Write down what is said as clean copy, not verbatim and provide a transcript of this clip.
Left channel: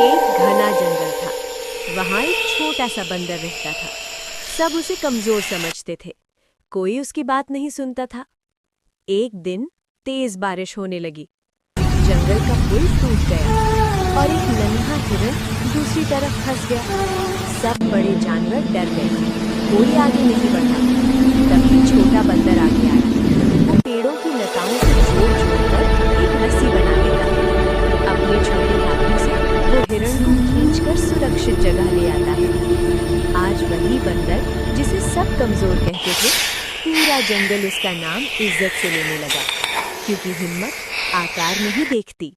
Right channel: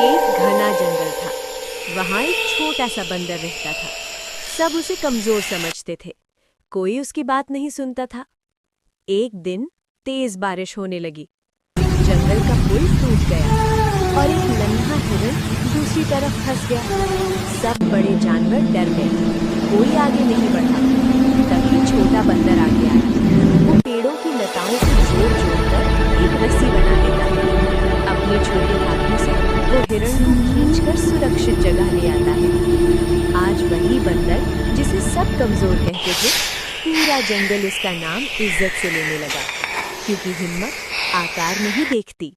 एक घना जंगल था। वहां एक छोटा सा बंदर रहता था। सब उसे कमजोर समझते थे। कोई उसकी बात नहीं सुनता था। एक दिन तेज बारिश होने लगी। जंगल का पुल टूट गया और एक नन्हा हिरण दूसरी तरफ फंस गया। सब बड़े जानवर डर गए। कोई आगे नहीं बढ़ा। तभी छोटा बंदर आगे आया। वो पेड़ों की लताओं को जोड़-जोड़ कर एक रस्सी बना लेता है। अपने छोटे हाथों से वो हिरण को खींचकर सुरक्षित जगह ले आता है। आज वही बंदर जिसे सब कमजोर कहते थे, पूरा जंगल उसका नाम इज्जत से लेने लगा, क्योंकि हिम्मत आकार नहीं देखती।